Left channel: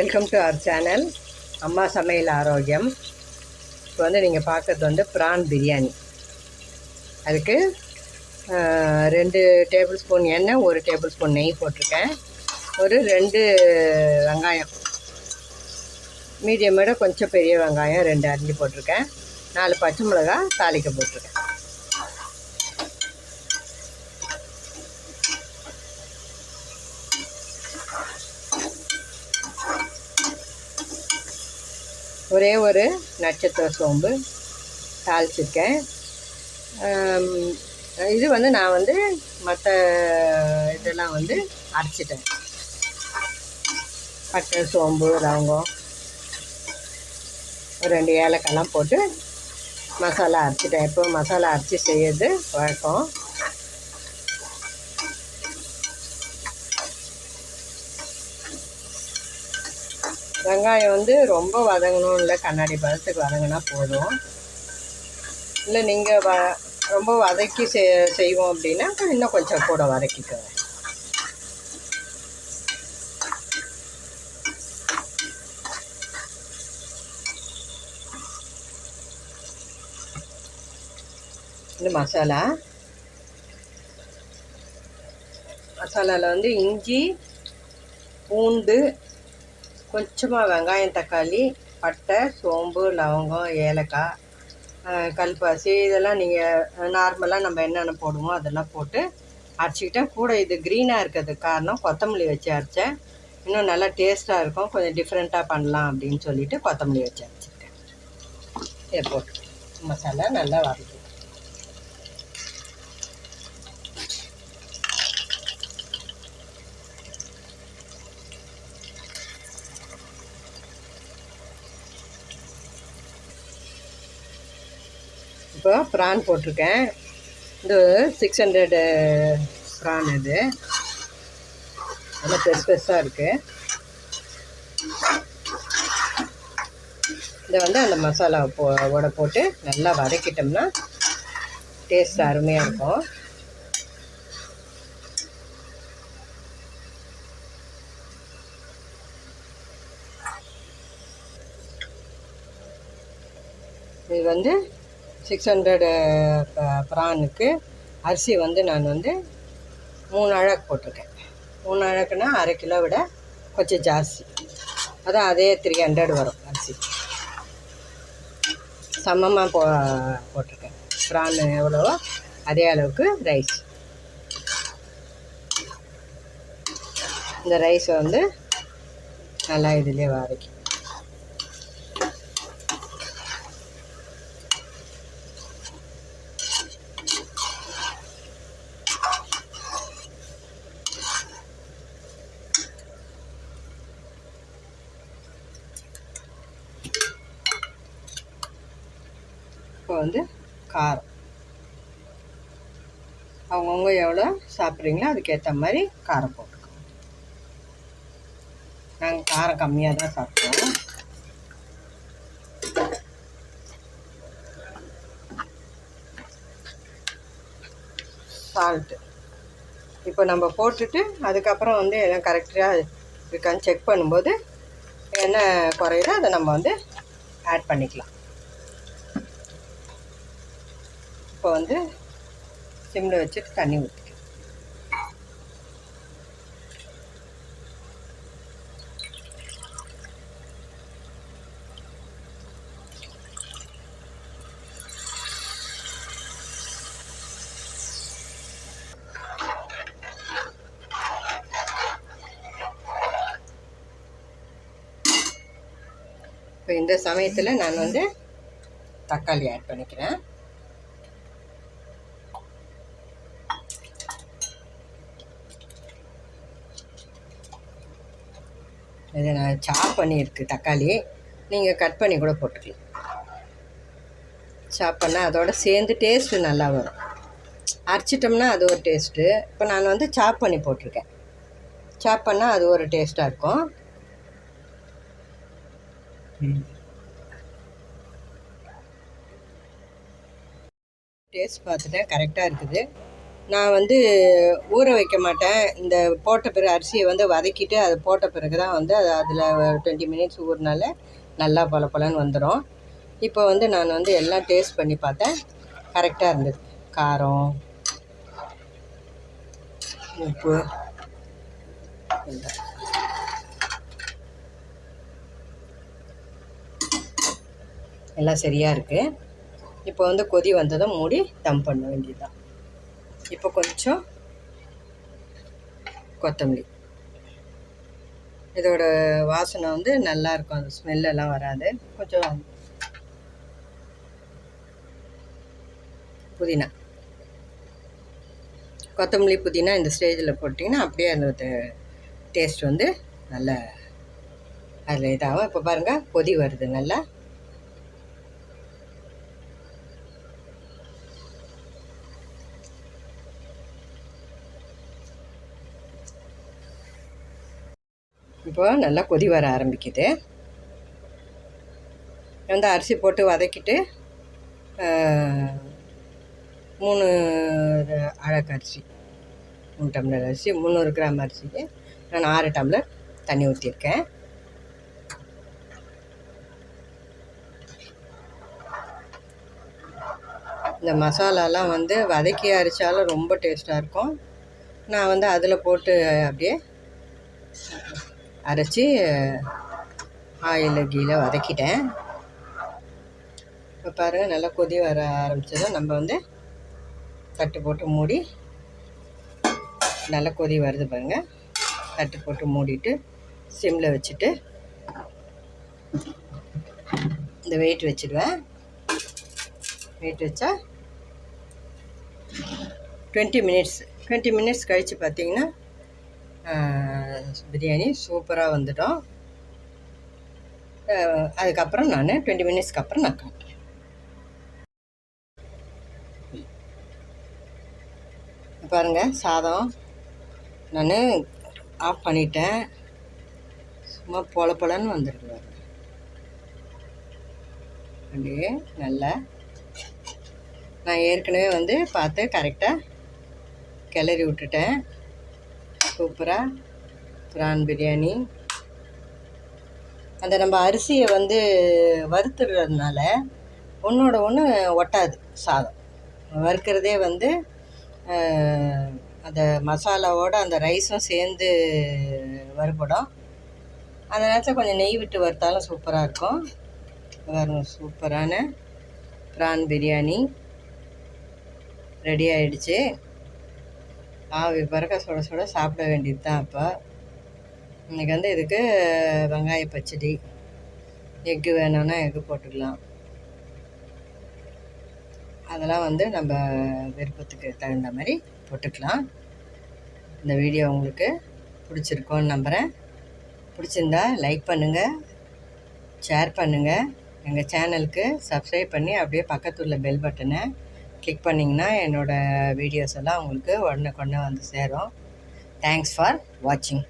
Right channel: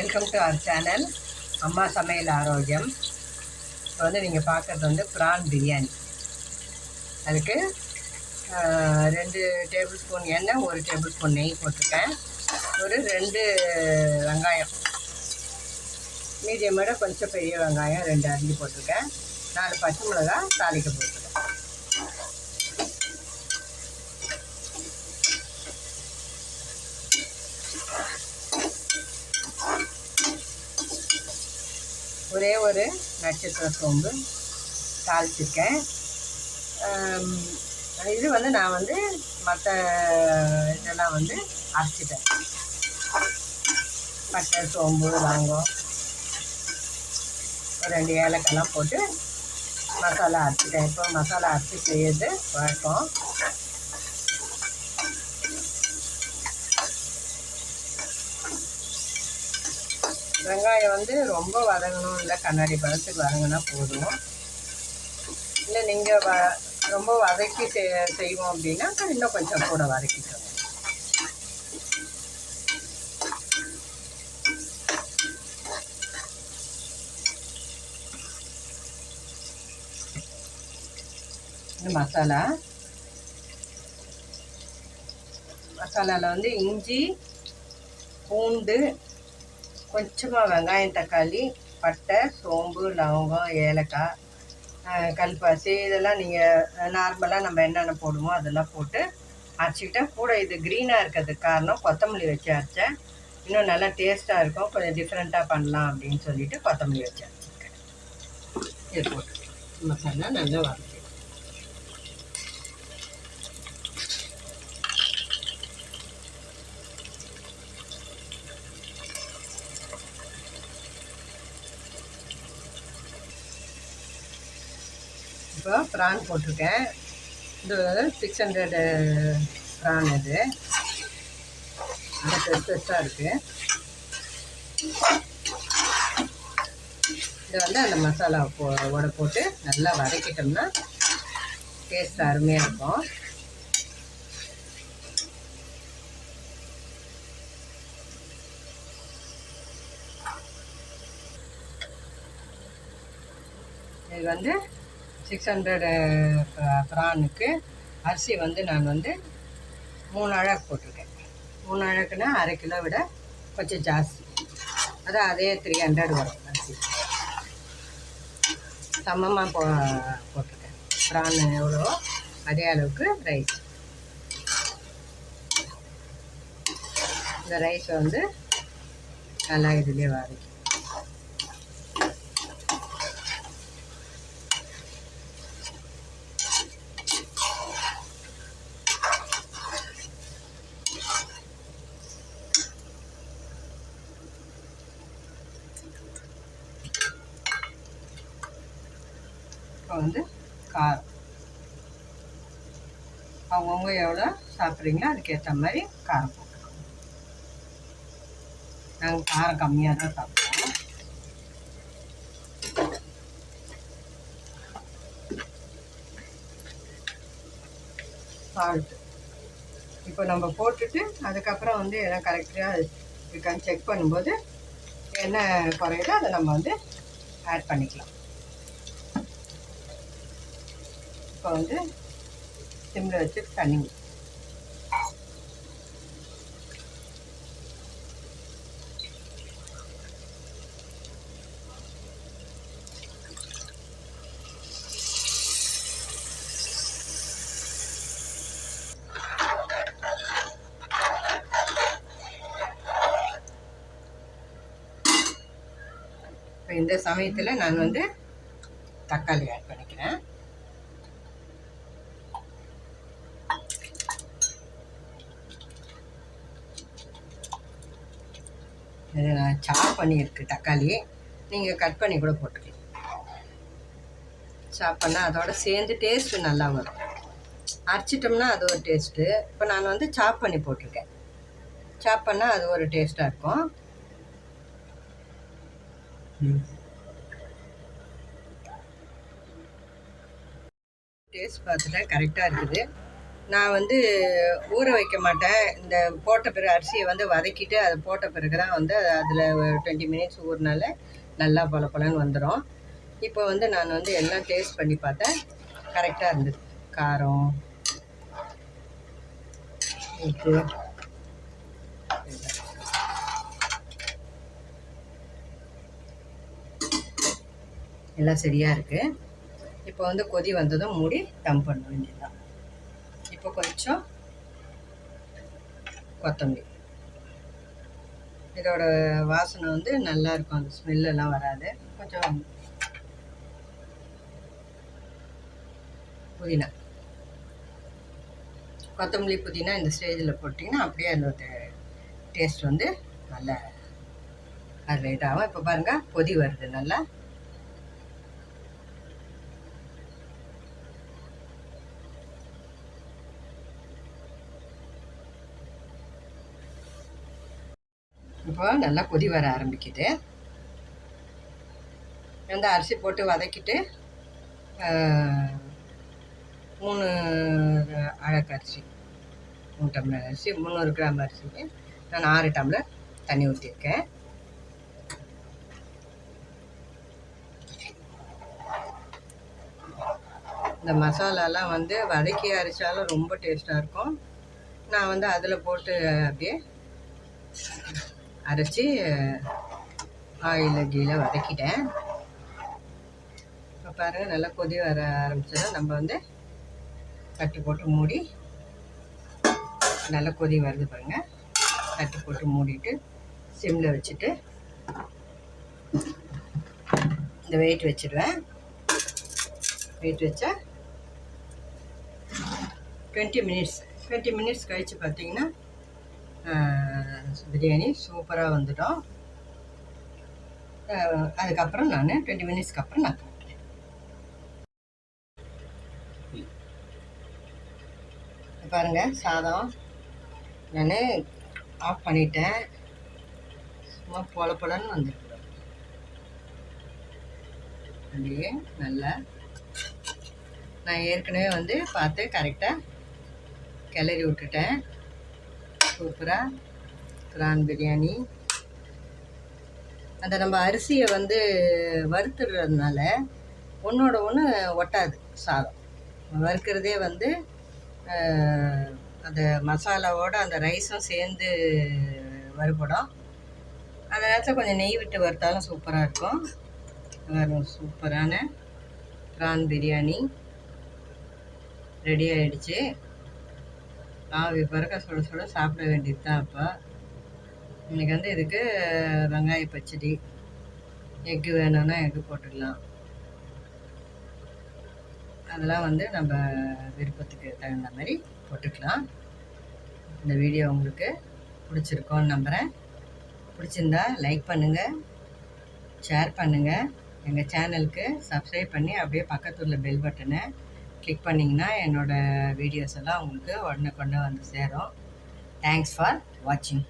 Welcome to our channel அம்மா சமையல் ஆரோக்கியம். இப்போ வந்து நீங்கள் பார்க்குறது வந்து ப்ரான் பிரியாணி. அதுக்கு ரெண்டு டேபிள் ஸ்பூன் எண்ணெய் ஒரு டேபிள் ஸ்பூன் நெய் போட்டிருக்கேன். ஒரு ரெண்டு வெங்காயம். மீடியம் விட கொஞ்சம் பெரிய வெங்காயம் ரெண்டு அரிஞ்சு போட்டிருக்கேன். நாலு பச்சை மிளகாய் தாளிக்க போட்டிருக்கேன். ஒரே ஒரு நட்சத்திர சோம்பு தாளிச்சிருக்கேன். இது வந்து நான் வந்து மற்ற இதெல்லாம் வந்து அரைச்சிட்டேன். பட்டை சோம்பு லவங்கம் ஒரு ரெண்டு ஏலக்காய்லாம் போட்டு மசாலா அரைச்சிட்டேன். எப்போ மசாலா அரைச்சி செய்யறது வழக்கம் வெங்காயம் வந்து ரொம்ப வதங்கணும் இல்லை கண்ணாடி பழத்துக்கு வதங்கினா போதும். இல்லை நீங்கள் வ ரொம்ப வதக்கி செ செய்வோம் அப்படின்னா இன்னும் கொஞ்சம் கூட வதக்கிக்கோங்க. இது மசாலா. மசாலாவில் வந்து இஞ்சி பூண்டு கொஞ்சமாக வெங்காயம் தக்காளி பட்டை சோம்பு லவங்கம் ஏலக்காய் கல்பாசி இதெல்லாம் நீங்கள் நார்மலாக நம்ம என்னென்ன போடுவோம் அதெல்லாம் போட்டு அரைச்சிக்கிட்டேன் கூட இது க்ரீனாக இருக்கிறதுக்கு காரணம் கொத்தமல்லி வச்சு அரைச்சேன். இன்னும் நல்லா டேஸ்ட்டாக இருக்கும். கொஞ்சம் டிஃப்ரெண்ட்டாக பண்ணலாம் அப்படின்னு சொல்லிட்டு கொத்தமல்லி வச்சு அரைச்சிருக்கேன். இது போட்டு மசாலா நல்லா வதக்கி இப்போ ப்ரான் போட்டிருக்கேன். இது சிக்ஸ் ஹண்ட்ரடு ப்ரான் இது நல்லா பெருசு பெருசாக இருக்குது இதை வந்து அந்த மசாலா போ ஓட போட்டு நல்லா வதக்கிட்டோம்னா டேஸ்ட் அருமையாக இருக்கும். இது வந்து சிக்ஸ் ஹண்ட்ரடு ப்ரானுக்கு அரிசி வந்து நான் வந்து மூணு அழகு போட்டிருக்கேன். மூணு அழகுனா அரை கிலோ விட கொஞ்சம் ஜாஸ்தி. அதான் அதே த்ரீ ஹண்ட்ரட் வரும் அரிசி. சமமாக போ போட்டிருக்கேன். ப்ரான் எவ்வளவோ அதே அளவுக்கு ரைஸ் இந்த ரைஸ் வந்து நல்லா இதுலேயே வதக்கி. இப்போ வந்து காரம். அவங்கவுங்க எவ்வளோ சாப்பிட்றீங்களோ அதுக்கேற்ற மாதிரி காரம் போட்டுக்கோங்க. நாங்கள் காரம் கம்மியாக தான் சாப்பிடுவோம். சால்ட்டு இப்போ நம்ம போட்டுட்டு அதுக்கப்புறம் வந்து எல்லாம் கரெக்டாக இருக்கான்னு செக் பண்ணும்போது என்ன குறையுதோ அதை நம்ம வந்து ஆட் பண்ணிக்கலாம். இப்போ வந்து சிம்மில் வச்சுட்டு தண்ணி ஊற்றி இப்போ இந்த சமயத்தில் நான் வந்து தக்காளி ஆட் பண்ணிக்கிறேன். இது நான் சாப் பண்ணியிருக்கு தக்காளி. நீங்கள் கட் பண்ணி கூட போட்டுக்கலாம். சாப் பண்ணால் அதோட சேர்ந்து டேஸ்ட்டு நல்லா வரும். அரைச்சிட்டோம்னா அது ஒரு டேஸ்ட்டு இப்போ நான் வந்து சாப் பண்ணி போட்டிருக்கேன். சாப் பண்ணால் அது ஒரு டேஸ்ட்டாக இருக்கும். டேஸ்ட் பார்த்துட்டேன் கரெக்டாக இருக்குது. நான் வந்து ஊற வைக்க மாட்டேன். இந்த போட்ட பிறகு அரிசியை வந்து வதக்கிட்டு அதை போட்ட பிறகு தான் வந்து அது அதில் டுவெண்ட்டி மினிட்ஸ் ஊறினால நல்லா பல பலன்னு வந்துடும் இப்போ வந்து நான் வந்து எல்லாம் டேஸ்ட் பண்ணி பார்த்தேன். கரெக்டாக இருந்தது. காரம் உப்பு எல்லாம். எல்லாம் சரியாக இருக்குது இப்போ வந்து கொதி வந்ததும் மூடி தம் பண்ண வேண்டியதுதான். இப்போ கொஞ்சம் கொத்தமல்லி. இதோட வாசனை வந்து நல்லா இருக்கும். அந்த ஸ்மெல்லெல்லாம் வராது. கொஞ்சம் புதினா. கொத்தமல்லி புதினா இந்த ஸ்டேஜில் போட்டிங்கன்னா அப்படியே அந்த டேஸ்ட் வந்து நல்ல அதில் இதாகும். இப்போ பாருங்கள் கொதி வருது நல்லா. இப்போ நல்லா கொதி வர ஆரம்பிக்குது. வந்து அரிசி போட்டு வதக்கிட்டு மூணு அழகு அரிசி மூணு டம்ளர் அரிசி முந்நூறு கிராம் அரிசிக்கு நான் ஆறு டம்ளர் தண்ணி ஊற்றிருக்கேன் இந்த மசாலாலாம் வந்து வதக்கி அரைச்சாலும் ரொம்ப டேஸ்ட்டாக இருக்கும். நான் வந்து அதில் போட்டு அப்படியே அரைச்சி ஆயில் கீழே வதக்கிட்டேன். இப்போ பாருங்கள் நல்லா கொதி வர ஆரம்பித்ததும் நம்ம வந்து தட்டு போட்டு மூடி நல்லா கொதி வருது பாருங்க. தட்டு போட்டு மூடிட்டு சிம்மில் வச்சுட்டு இந்த வெயிட் வச்சிடுவேன். வெயிட் வச்சா டுவெண்ட்டி மினிட்ஸ் டுவெண்ட்டி மினிட்ஸ் கழித்து பார்த்தீங்கன்னா பிரியாணி சூப்பராக வந்துட்டோம் அதுக்கப்புறம் நான் டுவெண்ட்டி மினிட்ஸ்க்கு அப்புறம் நான் காட்டுறேன் பாருங்கள் சாதம். நான் ஆஃப் பண்ணிட்டேன். சும்மா பொல பொலன்னு வந்துருக்கு அப்படியே நல்லா. நான் ஏற்கனவே வந்து பார்த்து கரெக்டாக கிளறி விட்டுட்டேன். சூப்பராக பிரான் பிரியாணி அந்த நம்ம அரிசியை வந்து வறுத்துடுறதுனால ஒன்றோட ஒன்று ஒட்டாது சாதம். வறுக்கிறதே வந்து அந்த மசாலாவோட அந்த ரைஸும் சேர்ந்து வறுபடும் அந்த நேரத்தில் கொஞ்சம் நெய் விட்டு வறுத்தாலும் சூப்பராக இருக்கும். பாருங்க சூப்பரான ப்ரான் பிரியாணி ரெடி ஆகிடுச்சு ஆவி பறக்க சுட சுட சாப்பிட வேண்டியது தான் அப்போ. இன்னைக்கு வந்து இதுக்கு வெங்காய பச்சடி எக்கு வேணும்னா எக்கு போட்டுக்கலாம் அதெல்லாம் வந்து நம்ம விருப்பத்துக்கு தகுந்த மாதிரி போட்டுக்கலாம். இந்த வீடியோ உங்களுக்கு பிடிச்சிருக்கோன்னு நம்புகிறேன் பிடிச்சிருந்தா லைக் பண்ணுங்கள் ஷேர் பண்ணுங்கள் எங்கள் சேனலுக்கு சப்ஸ்கிரைப் பண்ணி அப்படியே பக்கத்துல உள்ள பெல் பட்டனை கிளிக் பண்ணிங்கன்னா என்னோடய வீடியோஸ் எல்லாம் உங்களுக்கு உடனே கொண்டு வந்து சேரும். தேங்க்ஸ் ஃபார் வாட்சிங்